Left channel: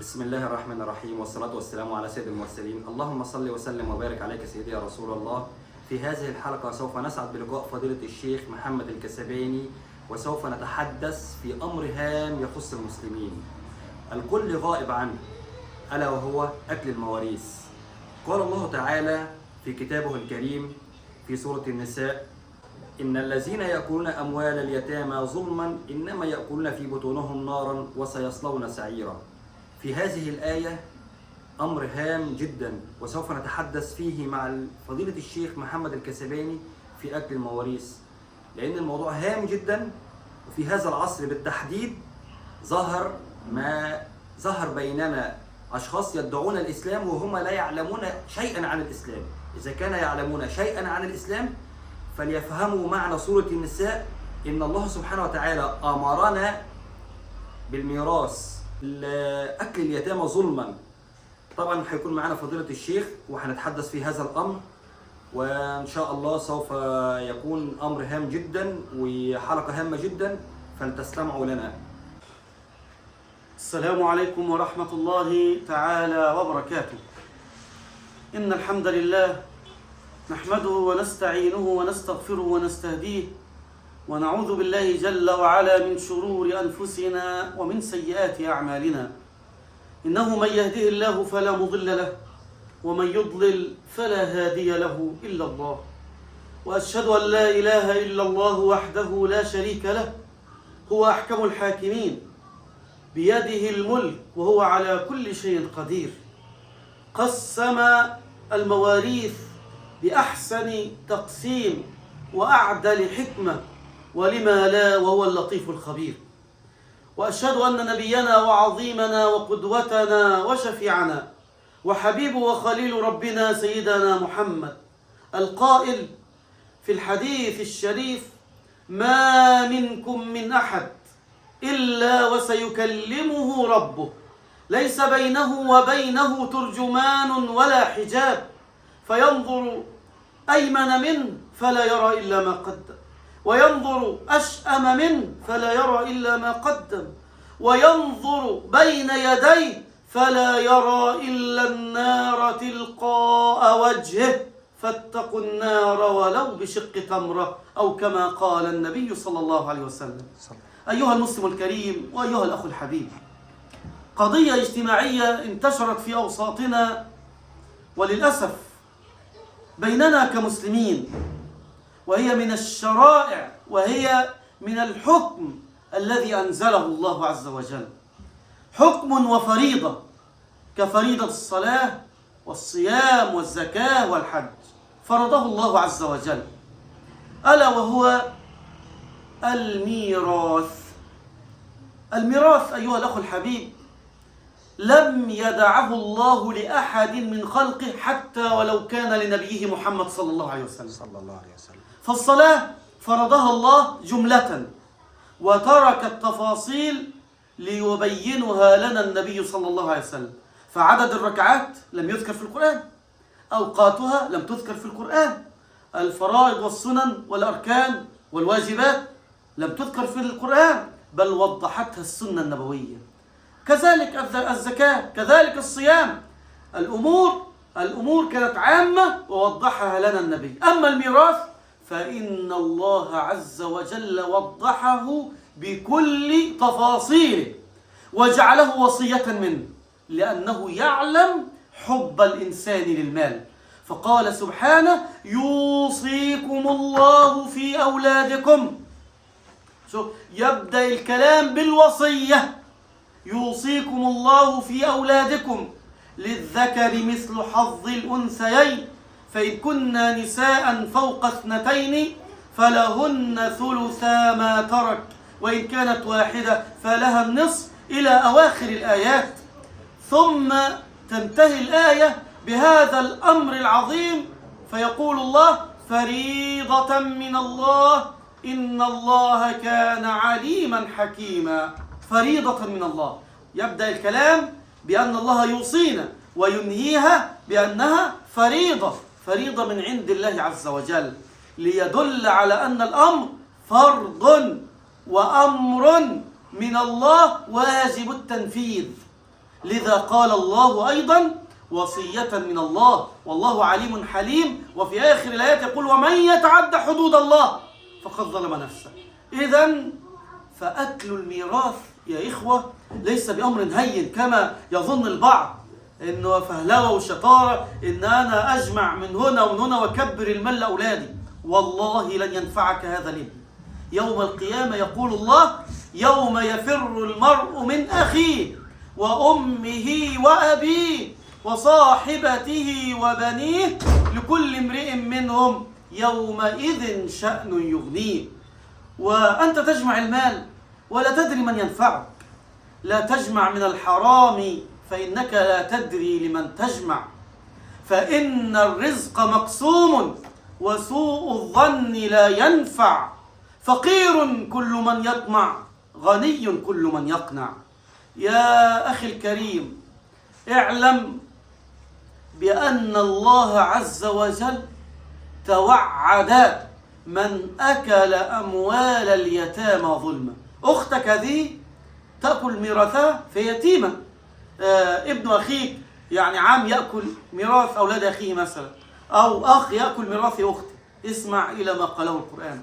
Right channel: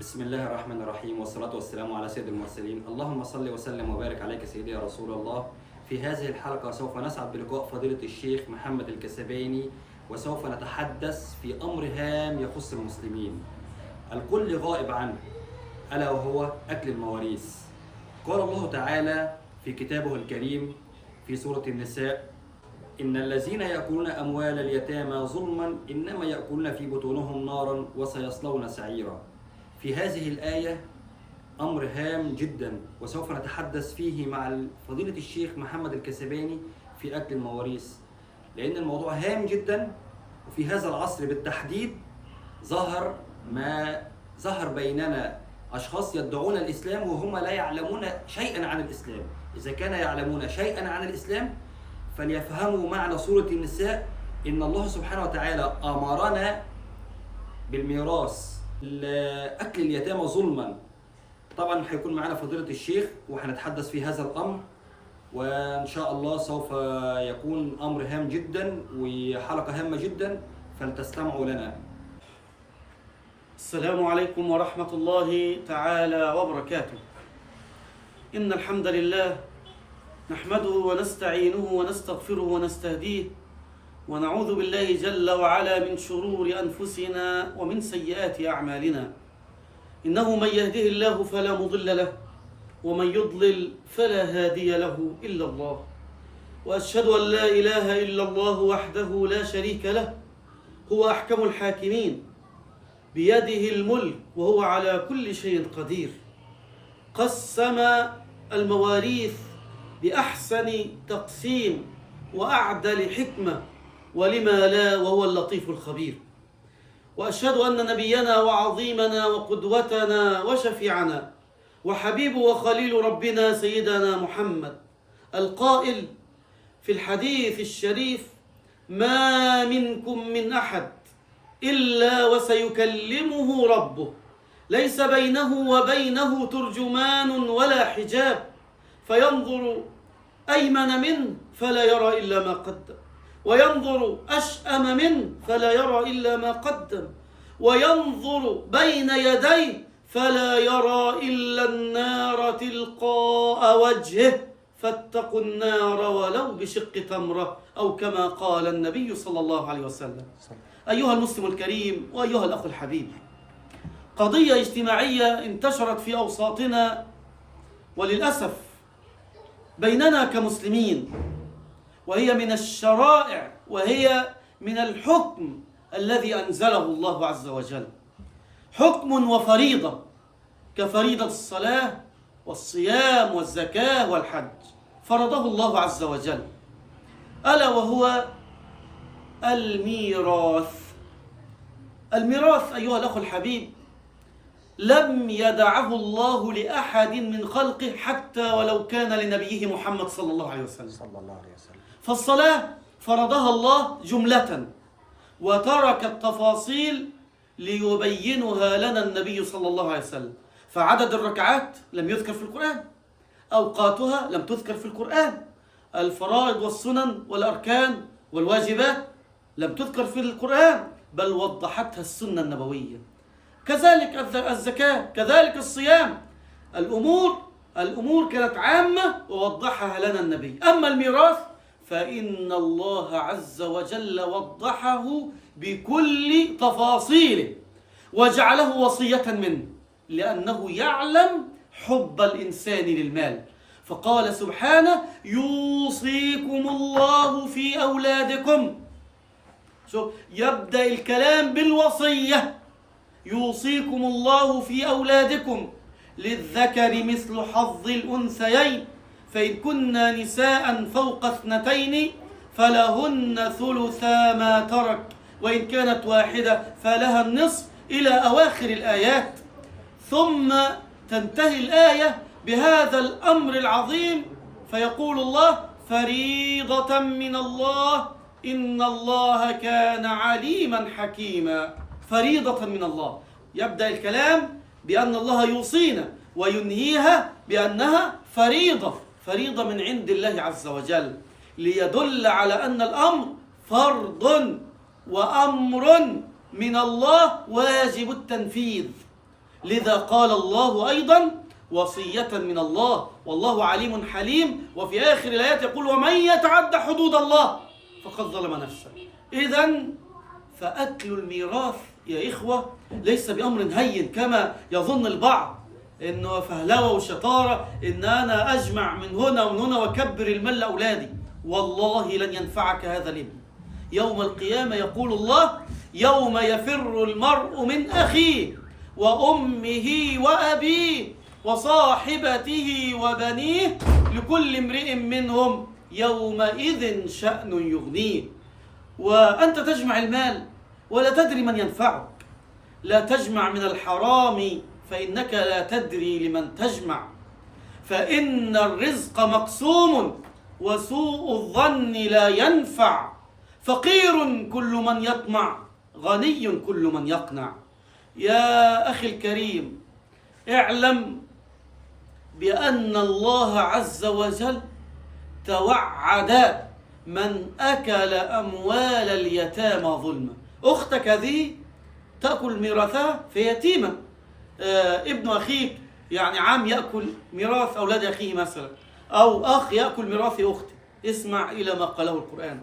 بسم الله الرحمن الرحيم، والصلاة والسلام على سيد المرسلين. اللهم صل وسلم وبارك عليك سيدي يا رسول الله. في هذه الحلقة سوف نسعد بلقاء فضيلة الشيخ محمد الكسباني، وسوف نتحدث في أمر هام يخص المسلمين الكل غائب عنه، ألا وهو أكل المواريث. قال الله تعالى في كتابه الكريم في سورة النساء: إن الذين يأكلون أموال اليتامى ظلما إنما يأكلون في بطونهم نارا وسيصلون سعيرا. في هذه الآية أمر هام جدا، وسوف نتحدث فيه مع فضيلة الشيخ محمد الكسباني في أكل المواريث، لأن الموضوع هام جدا. وفي هذا العصر بالتحديد ظهر بيننا أشخاص يدعون الإسلام وهم لا يعلمون شيئا عن الإسلام. إذا كان يعلمون شيئا عن الإسلام فليفهموا معنى سورة النساء، إن الله سبحانه وتعالى أمرنا بالميراث أكل اليتامى ظلما. طبعا هيكون معنا فضيلة الشيخ وهنتحدث في هذا الأمر، وإن شاء الله سوف يكون أمر هام جدا وحلقة هامة جدا، فلتستمعوا لنا. السلام عليكم ورحمة الله تعالى وبركاته. إن الحمد لله نحمده ونستعينه ونستغفره ونستهديه، ونعوذ بالله جل وعلا من شرور أنفسنا ومن سيئات أعمالنا. إنه من يهده الله فلا مضل له، ومن يضلل فلا هادي له إلا الله. وأشهد أن لا إله إلا الله وحده لا شريك له، هو أحكم الحاكمين، بيده الملك وهو على كل شيء قدير. قسم المواريث بأحسن تقسيم وأعدل حكمة، ولما لا، وهو اللطيف الخبير. وأشهد أن نبينا وعظيمنا وقدوتنا وشفيعنا وحبيب وخليل ربنا سيدنا محمد القائل في الحديث الشريف: ما منكم من أحد إلا وسيكلمه ربه، ليس بينه وبينه ترجمان ولا حجاب، فينظر أيمن منه فلا يرى إلا ما قدم، وينظر أشأم منه فلا يرى إلا ما قدم، وينظر بين يديه فلا يرى إلا النار تلقاء وجهه، فاتقوا النار ولو بشق تمرة، أو كما قال النبي صلى الله عليه وسلم. أيها المسلم الكريم وأيها الأخ الحبيب، قضية اجتماعية انتشرت في أوساطنا وللأسف بيننا كمسلمين، وهي من الشرائع، وهي من الحكم الذي أنزله الله عز وجل، حكم وفريضة كفريضة الصلاة والصيام والزكاة والحج، فرضه الله عز وجل، ألا وهو الميراث. الميراث أيها الأخ الحبيب لم يدعه الله لأحد من خلقه، حتى ولو كان لنبيه محمد صلى الله عليه وسلم. فالصلاة فرضها الله جملة، وترك التفاصيل ليبينها لنا النبي صلى الله عليه وسلم. فعدد الركعات لم يذكر في القرآن، أوقاتها لم تذكر في القرآن، الفرائض والسنن والأركان والواجبات لم تذكر في القرآن، بل وضحتها السنة النبوية. كذلك الزكاة، كذلك الصيام، الأمور كانت عامة ووضحها لنا النبي. أما الميراث فإن الله عز وجل وضحه بكل تفاصيله، وجعله وصية منه، لأنه يعلم حب الإنسان للمال. فقال سبحانه: يوصيكم الله في أولادكم. يبدأ الكلام بالوصية: يوصيكم الله في أولادكم للذكر مثل حظ الأنثيين، فإن كن نساء فوق 2 فلهن ثلثا ما ترك، وإن كانت واحدة فلها النصف، إلى أواخر الآيات. ثم تنتهي الآية بهذا الأمر العظيم، فيقول الله: فريضة من الله إن الله كان عليما حكيما. فريضة من الله. يبدأ الكلام بأن الله يوصينا، وينهيها بأنها فريضة من عند الله عز وجل، ليدل على أن الأمر فرض وأمر من الله واجب التنفيذ. لذا قال الله أيضا وصية من الله والله عليم حليم. وفي آخر الآيات يقول ومن يتعد حدود الله فقد ظلم نفسه. إذن فأكل الميراث يا إخوة ليس بأمر هين كما يظن البعض، إنه فهلوة وشطارة إن أنا أجمع من هنا ومن هنا وأكبر المال لأولادي. والله لن ينفعك هذا الابن. يوم القيامة يقول الله يوم يفر المرء من أخيه وأمه وأبيه وصاحبته وبنيه لكل امرئ منهم يومئذ شأن يغنيه. وأنت تجمع المال ولا تدري من ينفعك. لا تجمع من الحرام فإنك لا تدري لمن تجمع، فإن الرزق مقسوم وسوء الظن لا ينفع. فقير كل من يطمع، غني كل من يقنع. يا أخي الكريم، اعلم بأن الله عز وجل توعد من أكل أموال اليتامى ظلما. أختك هذه تأكل ميراثها في يتيمة. ابن أخيك يعني عام يأكل ميراث أولاد أخيه مثلا، أو أخ يأكل ميراث أخته. اسمع إلى ما قاله القرآن:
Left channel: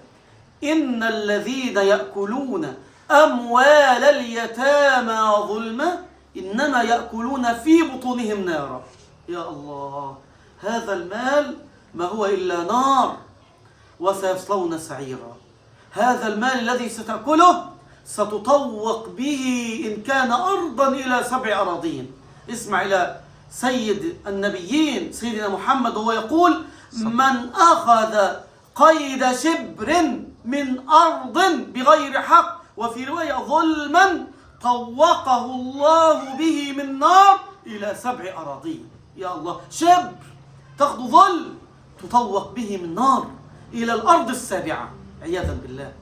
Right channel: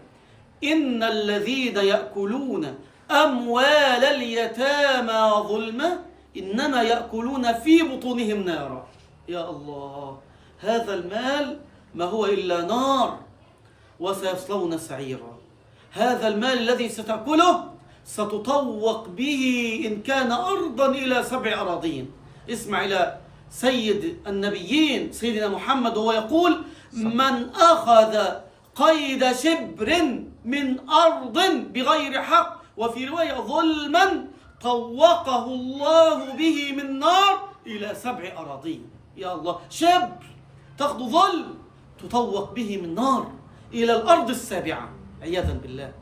إن الذين يأكلون أموال اليتامى ظلما إنما يأكلون في بطونهم نارا. يا الله، هذا المال ما هو إلا نار وسيصلون سعيرا. هذا المال الذي ستأكله ستطوق به إن كان أرضا إلى 7 أراضين. اسمع إلى سيد النبيين سيدنا محمد وهو يقول: من أخذ قيد شبر من أرض بغير حق، وفي رواية ظلما، طوقه الله به من نار إلى 7 أراضين. يا الله، شبر تأخذ ظلم تطوق به من نار إلى الأرض 7 عياذا بالله.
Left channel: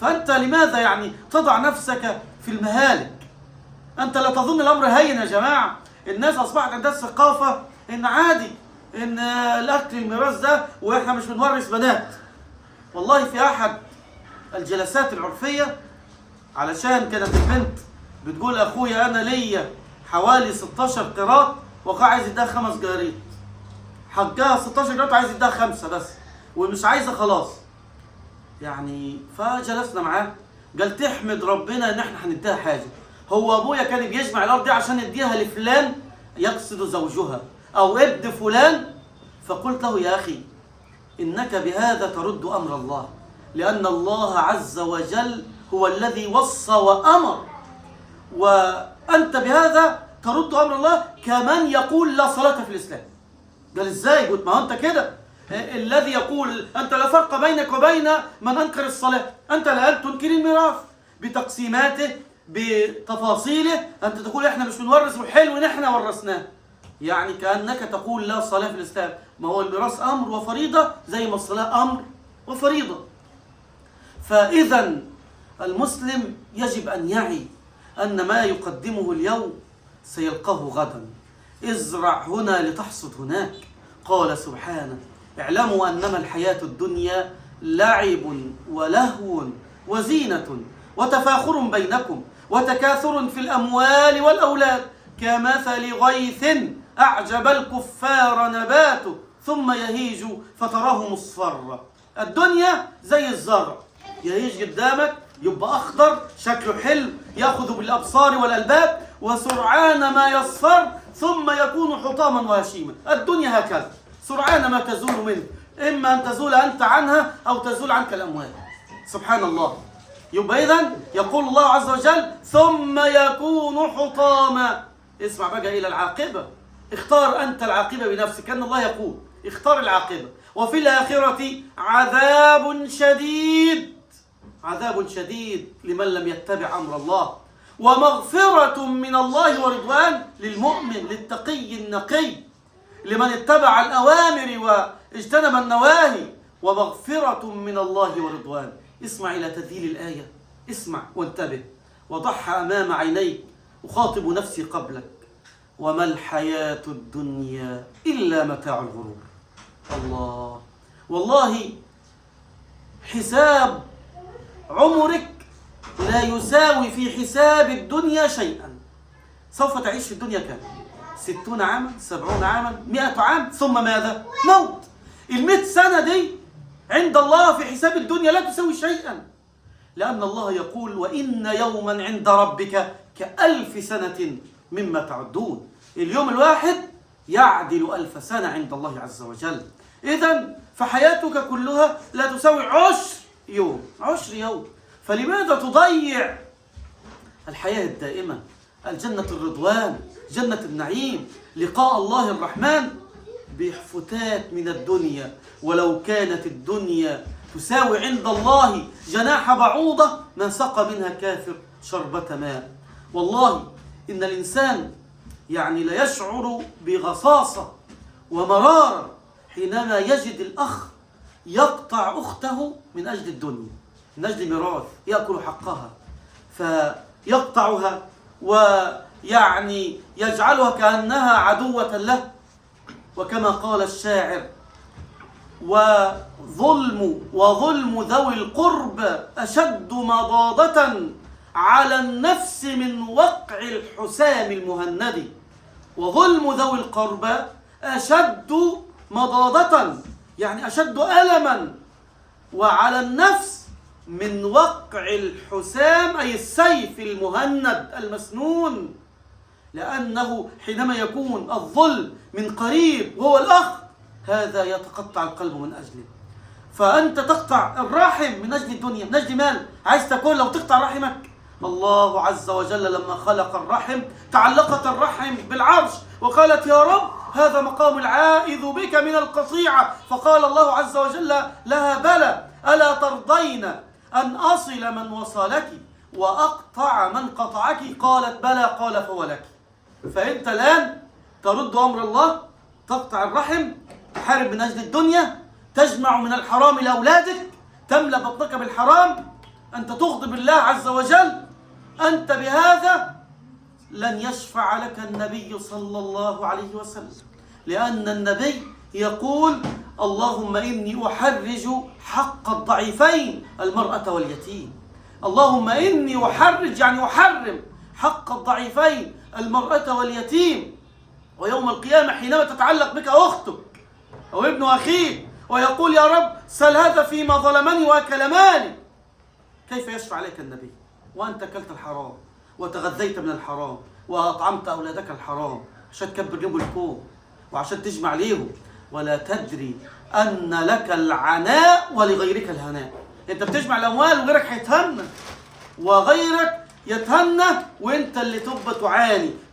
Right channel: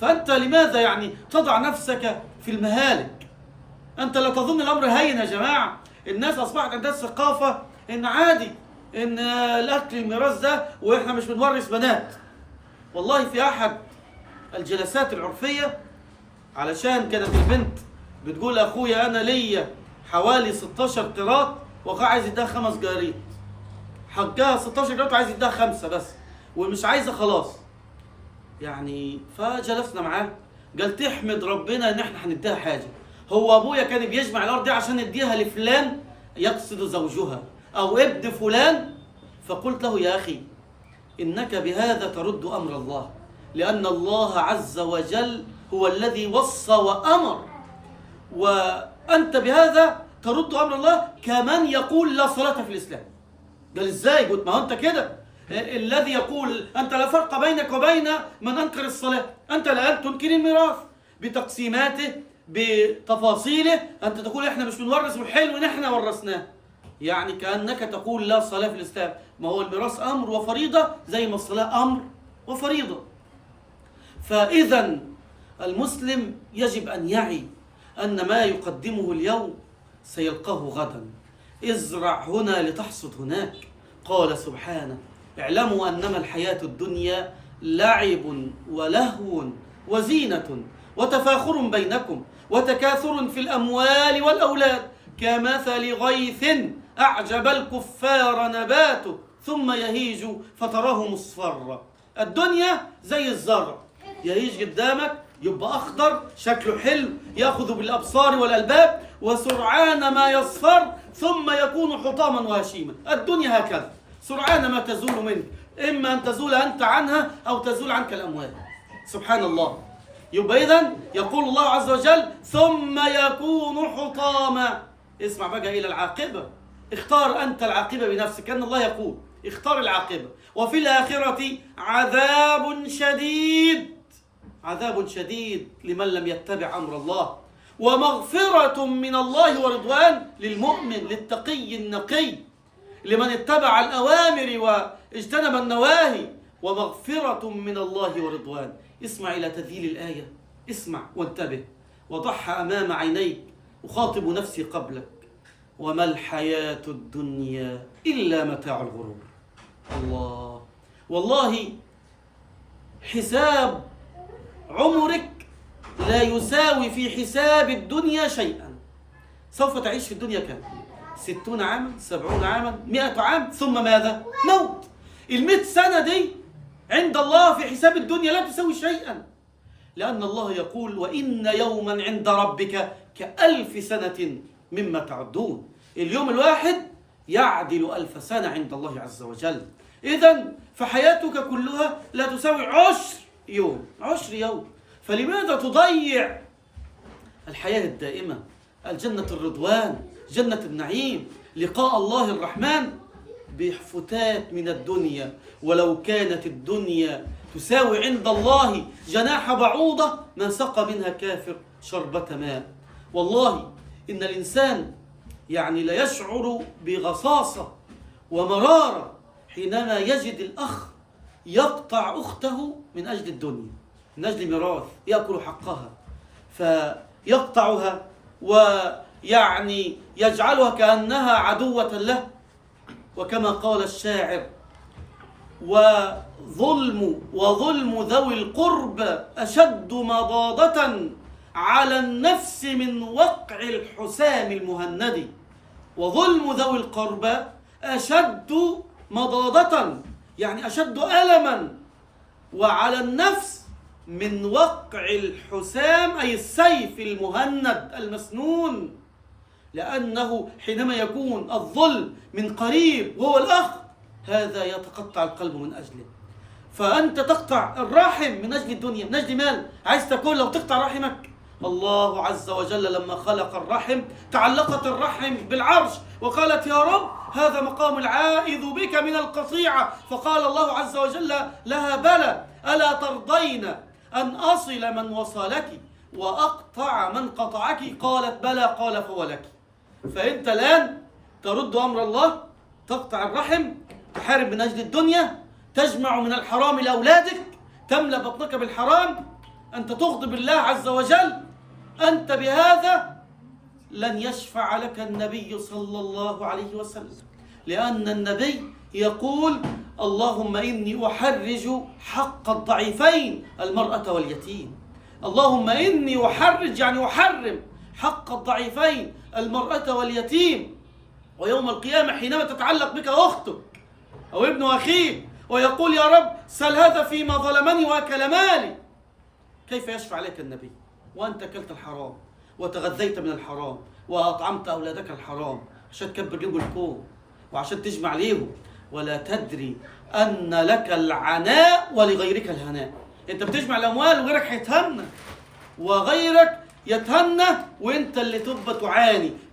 فأنت لماذا يعني تضع نفسك في المهالك؟ أنت لا تظن الأمر هين يا جماعة. الناس أصبحت عندها الثقافة إن عادي إن الأكل الميراث ده وإحنا مش بنورث بنات. والله في أحد الجلسات العرفية، علشان كانت البنت بتقول أخويا أنا ليا حوالي 16 قيراط وأخويا عايز يديها 5 قراريط. حقها 16 قيراط وعايز يديها 5 بس ومش عايزة خلاص يعني. فجلسنا معاه، قال تحمد ربنا إن إحنا هنديها حاجة. هو أبويا كان بيجمع الأرض دي عشان يديها لفلان يقصد زوجها أو ابن فلان. فقلت له يا أخي إنك بهذا ترد أمر الله، لأن الله عز وجل هو الذي وصى وأمر، وأنت بهذا ترد أمر الله كمن يقول لا صلاة في الإسلام. قال إزاي؟ قلت ما هو أنت كده الذي يقول أنت لا فرق بينك وبين من أنكر الصلاة. أنت الآن تنكر الميراث بتقسيماته بتفاصيله. أنت تقول إحنا مش بنورث وحلو نحن ورثناه، يعني كأنك تقول لا صلاة في الإسلام. ما هو الميراث أمر وفريضة زي ما الصلاة أمر وفريضة. فإذا المسلم يجب أن يعي أن ما يقدمه اليوم سيلقاه غدا. ازرع هنا لتحصد هناك. قال سبحانه: اعلموا أنما الحياة الدنيا لعب ولهو وزينة وتفاخر بينكم وتكاثر في الأموال والأولاد كمثل غيث أعجب الكفار نباته ثم يهيج فتراه مصفرا. الدنيا زي الزرع، يهيج قدامك يبقى أخضر شكله حلو يأخذ بالأبصار والألباب، وسرعان ما يصفر ثم يكون حطاما وهشيما. الدنيا هكذا سرعان ما تزول منه، إما أن تزول أنت عنها أو تزول عنك الأموال. سبحان الله. يبقى إذن يقول الله عز وجل ثم يكون حطاما. اسمع بقى إلى العاقبة. اختار أنت العاقبة بنفسك، كأن الله يقول اختار العاقبة. وفي الآخرة عذاب شديد، عذاب شديد لمن لم يتبع أمر الله، ومغفرة من الله ورضوان للمؤمن للتقي النقي لمن اتبع الأوامر واجتنب النواهي، ومغفرة من الله ورضوان. اسمع إلى تذييل الآية، اسمع وانتبه وضعها أمام عينيك. أخاطب نفسي قبلك: وما الحياة الدنيا إلا متاع الغرور. الله، والله حساب عمرك لا يساوي في حساب الدنيا شيئا. سوف تعيش في الدنيا كم؟ 60 عاما، 70 عاما، 100 عام، ثم ماذا؟ موت. 100 سنة دي عند الله في حساب الدنيا لا تسوي شيئا، لأن الله يقول وإن يوما عند ربك ك1000 سنة مما تعدون. اليوم الواحد يعدل 1000 سنة عند الله عز وجل. إذن فحياتك كلها لا تساوي 10 يوم، 10 يوم. فلماذا تضيع الحياة الدائمة، الجنة الرضوان، جنة النعيم، لقاء الله الرحمن بفتات من الدنيا؟ ولو كانت الدنيا تساوي عند الله جناح بعوضة ما سقى منها كافر شربة ماء. والله إن الإنسان لا يشعر بغصاصة ومرارة حينما يجد الأخ يقطع أخته من أجل الدنيا، من أجل ميراث يأكل حقها، فيقطعها يجعلها كأنها عدوة له. وكما قال الشاعر وظلم ذوي القرب أشد مضاضة على النفس من وقع الحسام المهند. وظلم ذوي القرب أشد مضاضة أشد ألما، وعلى النفس من وقع الحسام أي السيف المهند المسنون. لأنه حينما يكون الظلم من قريب وهو الأخ، هذا يتقطع القلب من أجله. فأنت تقطع الرحم من أجل الدنيا، من أجل مال، عايز تاكل لو تقطع رحمك. الله عز وجل لما خلق الرحم تعلقت الرحم بالعرش وقالت يا رب هذا مقام العائذ بك من القطيعة. فقال الله عز وجل لها بلى ألا ترضين أن أصل من وصلك وأقطع من قطعك؟ قالت بلى، قال فولك. فأنت الآن ترد أمر الله، تقطع الرحم، تحارب من أجل الدنيا، تجمع من الحرام لأولادك، تملأ بطنك بالحرام، أنت تغضب الله عز وجل. أنت بهذا لن يشفع لك النبي صلى الله عليه وسلم، لأن النبي يقول اللهم إني أحرج حق الضعيفين المرأة واليتيم. اللهم إني أحرج أحرم حق الضعيفين المرأة واليتيم. ويوم القيامة حينما تتعلق بك أختك أو ابن أخيك ويقول يا رب سل هذا فيما ظلمني وأكل مالي، كيف يشفع عليك النبي وأنت أكلت الحرام وتغذيت من الحرام وأطعمت أولادك الحرام عشان تكبر لهم الكون وعشان تجمع ليهم، ولا تدري أن لك العناء ولغيرك الهناء. أنت بتجمع الأموال وغيرك هيتهنى، وغيرك يتهنى وأنت اللي تبقى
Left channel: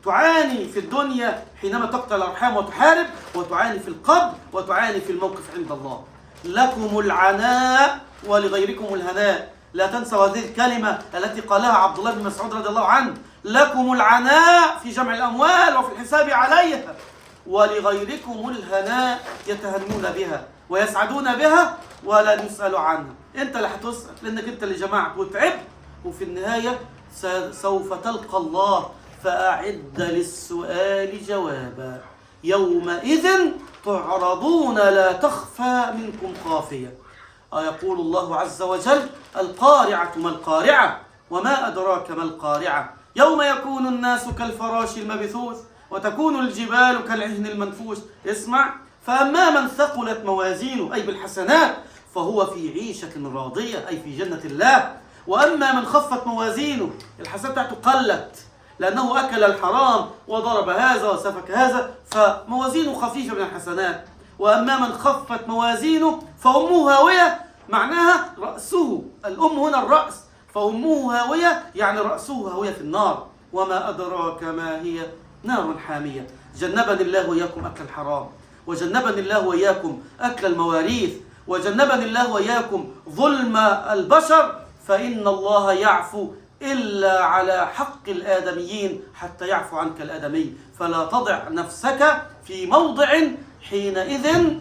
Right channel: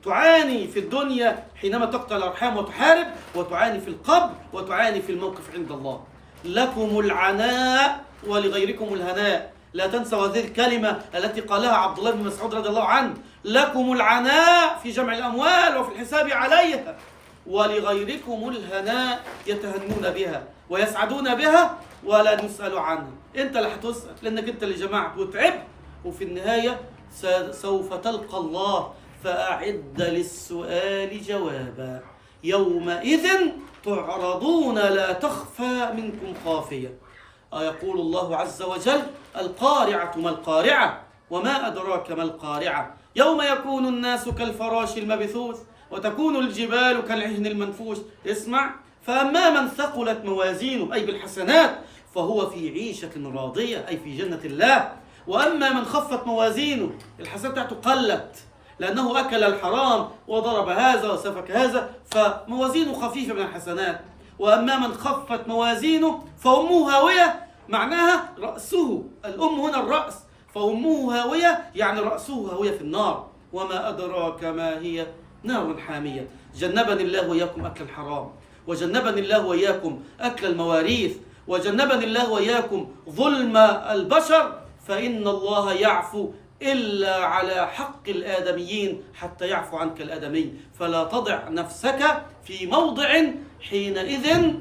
تعاني في الدنيا حينما تقطع الأرحام وتحارب، وتعاني في القبر، وتعاني في الموقف عند الله. لكم العناء ولغيركم الهناء. لا تنسوا هذه الكلمة التي قالها عبد الله بن مسعود رضي الله عنه: لكم العناء في جمع الأموال وفي الحساب عليها، ولغيركم الهناء يتهنون بها ويسعدون بها ولا يسألوا عنها. انت اللي هتسأل لانك انت اللي جمعت وتعبت، وفي النهاية سوف تلقى الله، فأعد للسؤال جوابا. يومئذ تعرضون لا تخفى منكم خافية. يقول الله عز وجل: القارعة ما القارعة وما أدراك ما القارعة يوم يكون الناس كالفراش المبثوث وتكون الجبال كالعهن المنفوش. اسمع: فأما من ثقلت موازينه أي بالحسنات فهو في عيشة راضية أي في جنة الله. وأما من خفت موازينه، الحسنات بتاعته قلت لأنه أكل الحرام وضرب هذا وسفك هذا، فموازينه خفيفة من الحسنات. وأما من خفت موازينه فأمه هاوية، معناها رأسه، الأم هنا الرأس، فأمه هاوية يعني رأسه هاوية في النار. وما أدراك ما هي، نار حامية. جنبني الله وإياكم أكل الحرام، وجنبني الله وإياكم أكل المواريث، وجنبني الله وإياكم ظلم البشر، فإن الله يعفو إلا على حق الآدميين حتى يعفو عنك الآدمي. فلا تضع نفسك في موضع حينئذ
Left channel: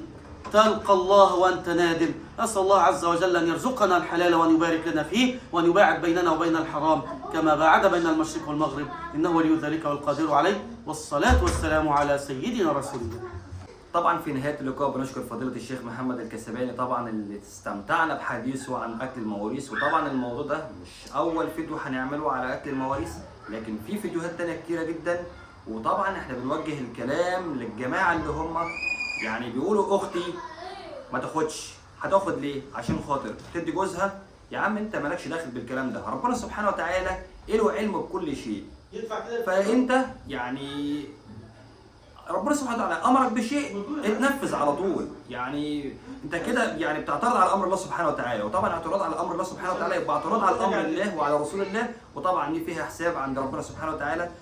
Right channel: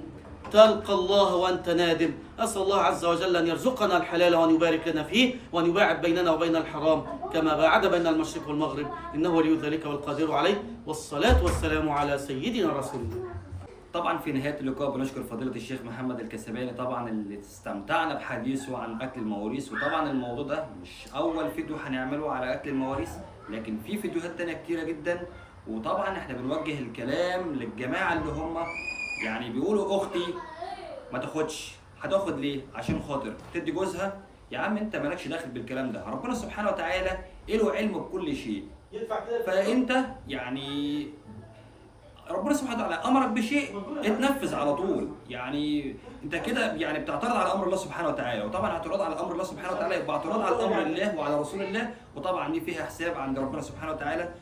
تلقى الله وأنت نادم. أسأل الله عز وجل أن يرزقنا الحلال وأن يبارك لنا فيه، وأن يباعد بيننا وبين الحرام كما باعد بين المشرق والمغرب، إنه ولي ذلك والقادر عليه. والصلاة والسلام على سيدنا رسول الله. طبعا في نهاية اللقاء بنشكر فضيلة الشيخ محمد الكسباني طبعا اللي استمتعنا بحديثه عن أكل المواريث. وطبعا الموضوع ده مش أول فيديو هنعمله على أكل المواريث، لكن في فيديوهات تانية كتيرة جدا. وطبعا احنا بنوجه الكلام للجماعة اللي هم يعني بيقولوا اختي ما تاخدش، هتاخد ليه؟ عشان خاطر تدي جوزها. يا عم انت مالكش داخل بالكلام ده، ربنا سبحانه وتعالى له علم بكل شيء. فانت يعني ربنا سبحانه وتعالى امرك بشيء اتنفذ على طول. يعني انت كده يعني بتعترض على امر الله سبحانه وتعالى، وطبعا اعتراض على امر الله سبحانه وتعالى يبقى اعتراض على امر الله وعلى رسول الله، وطبعا دي فيها حساب عند ربنا سبحانه وتعالى.